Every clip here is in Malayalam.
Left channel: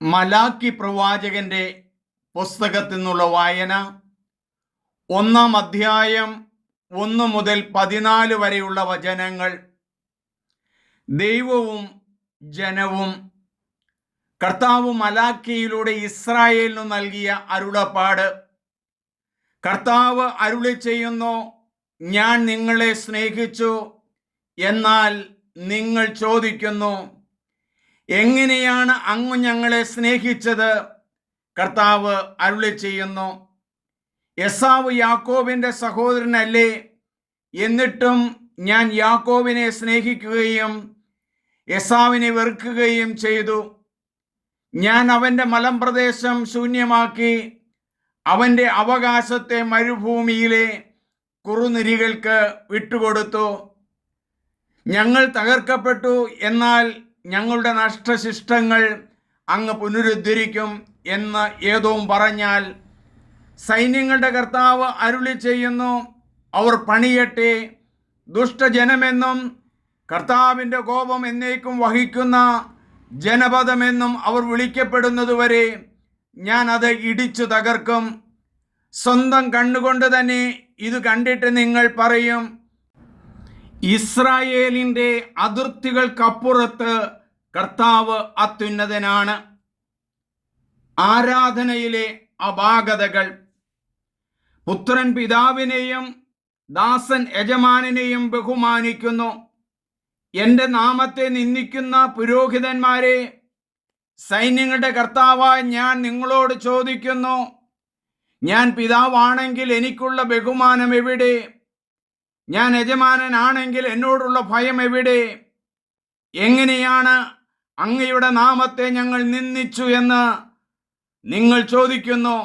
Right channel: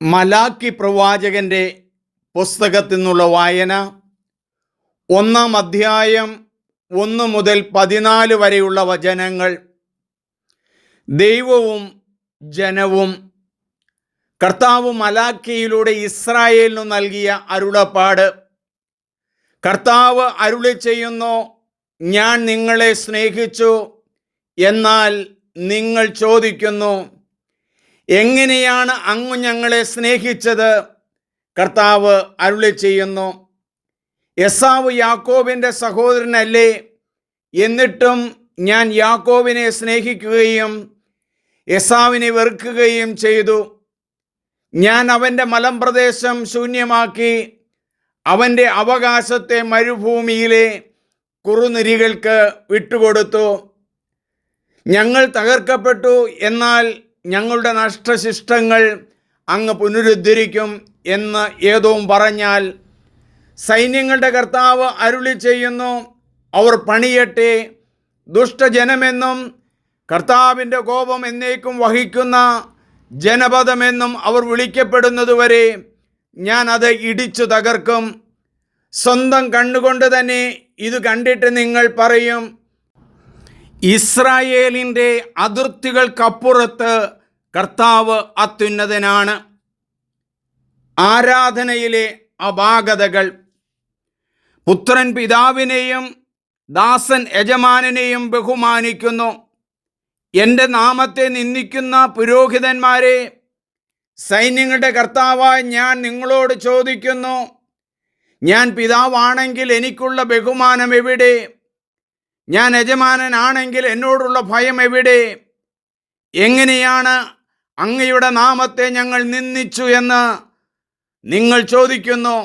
മലാക്കി പ്രവാചകന്റെ പുസ്തകത്തിൽ നിന്നുള്ള വായന 1-ാം അധ്യായം 1 മുതൽ 14 വരെയുള്ള വചനങ്ങൾ. ദൈവവും ജനവും. കർത്താവ് മലാക്കിയിലൂടെ ഇസ്രായേലിനു നൽകിയ അരുളപ്പാട്. കർത്താവ് അരുളി ചെയ്യുന്നു, ഞാൻ നിങ്ങളെ സ്നേഹിച്ചു, എന്നാൽ നിങ്ങൾ ചോദിക്കുന്നു, എങ്ങനെയാണ് അങ്ങ് ഞങ്ങളെ സ്നേഹിച്ചത്? കർത്താവ് അരുളി ചെയ്യുന്നു, എസാവ് യാക്കോബിൻ്റെ സഹോദരനല്ലേ? എന്നിട്ടും ഞാൻ യാക്കോബിനെ സ്നേഹിക്കുകയും എസാവിനെ വെറുക്കുകയും ചെയ്തു. ഞാൻ അവൻ്റെ മലമ്പ്രദേശം ശൂന്യമാക്കി, അവൻ്റെ അവകാശത്തെ മരുഭൂമിയിലെ കുറുനിരികൾക്ക് വിട്ടുകൊടുത്തു. ഞങ്ങൾ തകർക്കപ്പെട്ടു, എന്നാൽ ഞങ്ങളുടെ നഷ്ടശിഷ്ടങ്ങൾ അങ്ങ് പുനരുദ്ധരിക്കും എന്ന് ഏദോം പറഞ്ഞാൽ, സൈന്യങ്ങളുടെ കർത്താവ് അരുളി ചെയ്യുന്നു, അവർ പണിയട്ടെ. ദുഷ്ടജനമെന്നും കർത്താവിൻ്റെ കോപം എന്നേക്കും വഹിക്കുന്ന ജനപദമെന്നും അവർ വിളിക്കപ്പെടുന്നതുവരെ ഞാൻ അത് ഇടിച്ചു തകർക്കും. സ്വന്തം കണ്ണുകൊണ്ട് തന്നെ ഇത് കണ്ടിട്ട് നിങ്ങൾ പറയും, ഇസ്രായേലിൻ്റെ അതിർത്തികൾക്കപ്പുറത്ത് കർത്താവ് അത്യുന്നതനാണ്. ആരാധനയിലെ അപാകതകൾ. പുത്രൻ പിതാവിനെയും ദാസൻ യജമാനനെയും ബഹുമാനിക്കുന്നു. എൻ്റെ നാമത്തെ നിന്ദിക്കുന്ന പുരോഹിതന്മാരെ, സൈന്യങ്ങളുടെ കർത്താവായ ഞാൻ നിങ്ങളോട് ചോദിക്കുന്നു, ഞാൻ പിതാവാണെങ്കിൽ എനിക്കുള്ള ബഹുമാനം എവിടെ? ഞാൻ യജമാനനാണെങ്കിൽ എന്നോടുള്ള ഭയം എവിടെ? എങ്ങനെയാണ് അങ്ങയുടെ നാമത്തെ ഞങ്ങൾ നിന്ദിച്ചു എന്ന് നിങ്ങൾ ചോദിക്കുന്നു?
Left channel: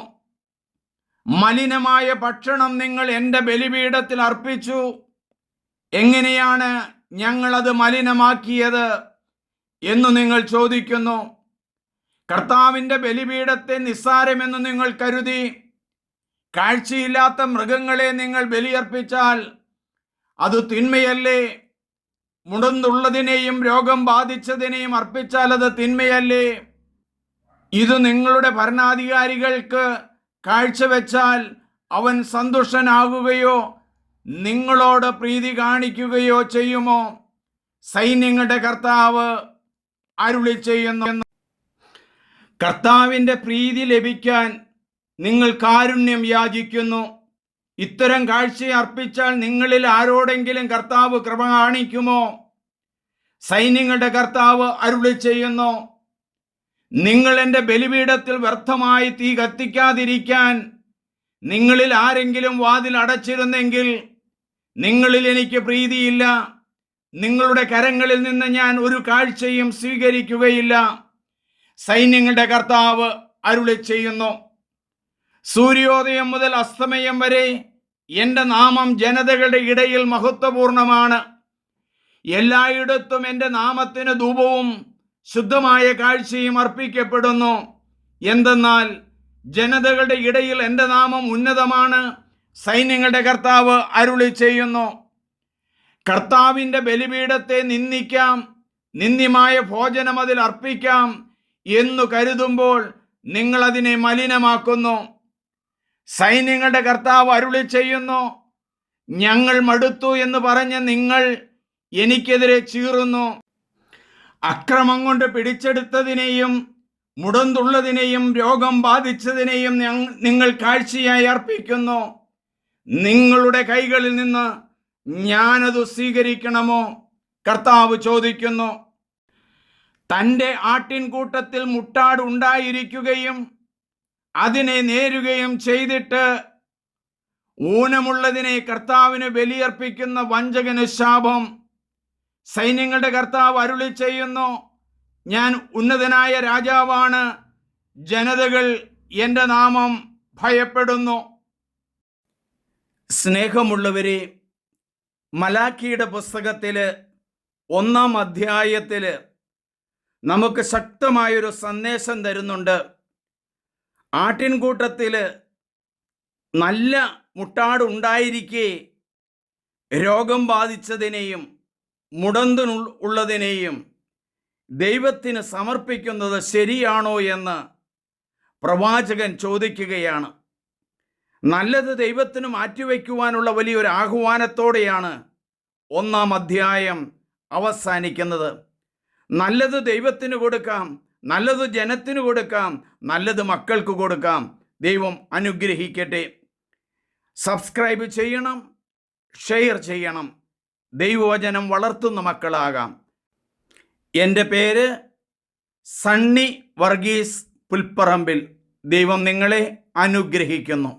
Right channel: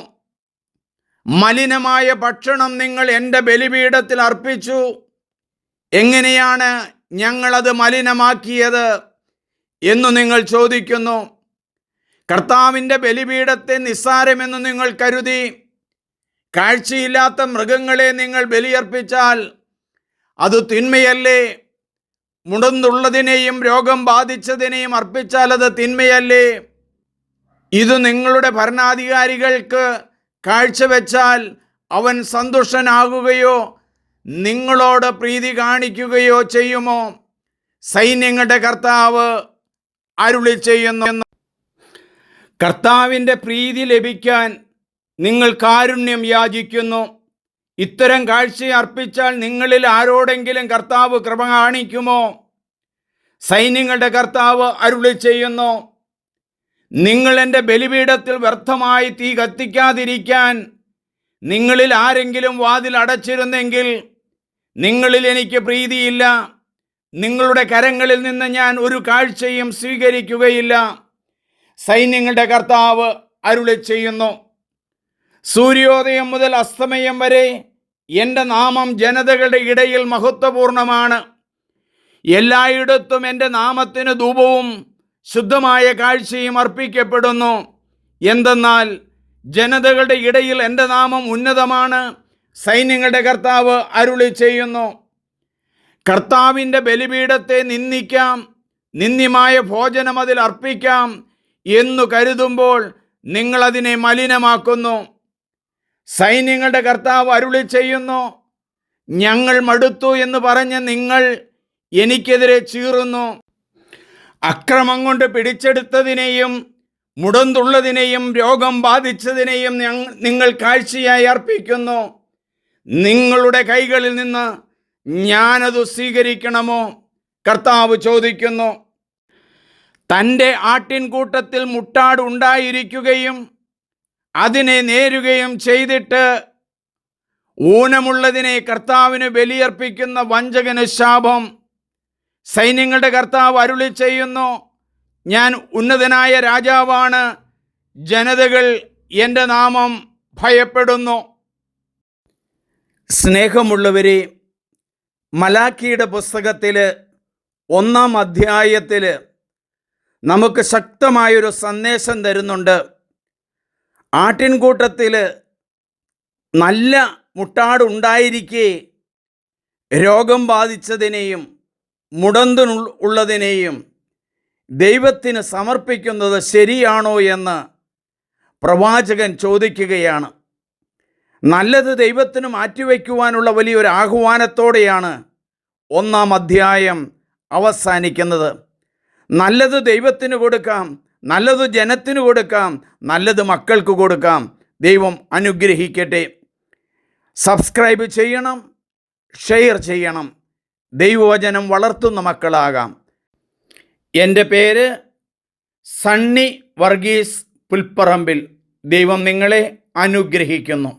മലിനമായ ഭക്ഷണം നിങ്ങൾ എൻ്റെ ബലിപീഠത്തിൽ അർപ്പിച്ചു. എങ്ങനെയാണ് ഞങ്ങളത് മലിനമാക്കിയത് എന്നു നിങ്ങൾ ചോദിക്കുന്നു? കർത്താവിൻ്റെ ബലിപീഠത്തെ നിസ്സാരമെന്ന് നിങ്ങൾ കരുതി കാഴ്ചയില്ലാത്ത മൃഗങ്ങളെ നിങ്ങൾ ബലിയർപ്പിച്ചാൽ അത് തിന്മയല്ലേ? മുടന്തുള്ളതിനെയും രോഗം ബാധിച്ചതിനെയും അർപ്പിച്ചാൽ അത് തിന്മയല്ലേ? ഇത് നിങ്ങളുടെ ഭരണാധികാരികൾക്ക് കാഴ്ചവെച്ചാൽ അവൻ സന്തുഷ്ടനാകുകയോ നിങ്ങളോട് പ്രീതി കാണിക്കുകയോ ചെയ്യുമോ? സൈന്യങ്ങളുടെ കർത്താവ് അരുളി ചെയ്യുന്നു, കർത്താവിൻ്റെ പ്രീതി ലഭിക്കാൻ നിങ്ങൾ കാരുണ്യം യാചിക്കുന്നു. ഇത്തരം കാഴ്ച അർപ്പിച്ചാൽ നിങ്ങളിൽ ആരോടെങ്കിലും കർത്താവ് കൃപ കാണിക്കുമോ? സൈന്യങ്ങളുടെ കർത്താവ് അരുളി ചെയ്യുന്നു, നിങ്ങൾ എൻ്റെ ബലിപീഠത്തിൽ വ്യർത്ഥമായി തീ കത്തിക്കാതിരിക്കാൻ നിങ്ങളിൽ ആരെങ്കിലും വാതിൽ അടച്ചിരുന്നെങ്കിൽ നിങ്ങളിൽ എനിക്ക് പ്രീതിയില്ല. നിങ്ങളുടെ കരങ്ങളിൽ നിന്ന് ഞാൻ ഒരു കാഴ്ചയും സ്വീകരിക്കുകയില്ല. സൈന്യങ്ങളുടെ കർത്താവ് അരുളി ചെയ്യുന്നു, സൂര്യോദയം മുതൽ അസ്തമയം വരെ എൻ്റെ നാമം ജനതകളുടെ ഇടയിൽ മഹത്വപൂർണമാണ്. എല്ലായിടത്തും എൻ്റെ നാമത്തിന് ധൂപവും ശുദ്ധമായ കാഴ്ചയും അർപ്പിക്കപ്പെടുന്നു. എന്തെന്നാൽ ജനതകളുടെ ഇടയിൽ എൻ്റെ നാമം ഉന്നതമാണ്. സൈന്യങ്ങളുടെ കർത്താവ് അരുളി ചെയ്യുന്നു, കർത്താവിൻ്റെ ബലിപീഠത്തെ നിന്ദിക്കാം, നിന്ദ്യമായ ഭോജനം അതിൽ അർപ്പിക്കാം എന്നു കരുതുമ്പോൾ നിങ്ങളതിനെ മലിനമാക്കുന്നു. സൈന്യങ്ങളുടെ കർത്താവ് അരുളി ചെയ്യുന്നു, ഞങ്ങൾ മടുത്തു എന്ന് പറഞ്ഞ് നിങ്ങൾ എനിക്കെതിരെ ചീറുന്നു. അക്രമം കൊണ്ട് പിടിച്ചെടുത്തതിനെയും മുടന്തുള്ളതിനെയും രോഗം ബാധിച്ചതിനെയും നിങ്ങൾ കാഴ്ചയായി അർപ്പിക്കുന്നു. നിങ്ങളുടെ കൈകളിൽ നിന്ന് ഞാനത് സ്വീകരിക്കണമോ? കർത്താവ് ചോദിക്കുന്നു. തൻ്റെ ആട്ടിൻകൂട്ടത്തിൽ മുട്ടാട് ഉണ്ടായിരിക്കുകയും അതിനെ നേരുകയും ചെയ്തിട്ട് ഊനമുള്ളതിനെ കർത്താവിന് ബലിയർപ്പിക്കുന്ന വഞ്ചകന് ശാപം. സൈന്യങ്ങളുടെ കർത്താവ് അരുളി ചെയ്യുന്നു, ഞാൻ ഉന്നതനായ രാജാവാണ്. ജനതകൾ എൻ്റെ നാമം ഭയപ്പെടുന്നു. സ്നേഹമുള്ളവരെ, മലാക്കിയുടെ പുസ്തകത്തിൽ 1-ാം അധ്യായത്തിൽ നമുക്ക് ശക്തമായൊരു സന്ദേശം തരുന്നുണ്ട്. ആട്ടിൻകൂട്ടത്തിൽ നല്ല മുട്ടാടുണ്ടായിരിക്കെ രോഗം ബാധിച്ചതിനെയും മുടന്തുള്ളതിനെയും ദൈവത്തിന് സമർപ്പിക്കുന്നത് ശരിയാണോ എന്ന് പ്രവാചകൻ ചോദിക്കുകയാണ്. നല്ലത് ദൈവത്തിന് മാറ്റിവെക്കുവാനുള്ള വലിയൊരു ആഹ്വാനത്തോടെയാണ് 1-ാം അധ്യായം അവസാനിക്കുന്നത്. നല്ലത് ദൈവത്തിന് കൊടുക്കാം, നല്ലത് ജനത്തിന് കൊടുക്കാം, നല്ലത് മക്കൾക്ക് കൊടുക്കാം. ദൈവം അനുഗ്രഹിക്കട്ടെ. സബ്സ്ക്രൈബ് ചെയ്യണം, ഷെയർ ചെയ്യണം. ദൈവവചനം വളർത്തുന്ന മക്കളാകാം. എൻ്റെ പേര് സണ്ണി വർഗീസ് പുൽപ്പറമ്പിൽ. ദൈവം നിങ്ങളെ അനുഗ്രഹിക്കുന്നു.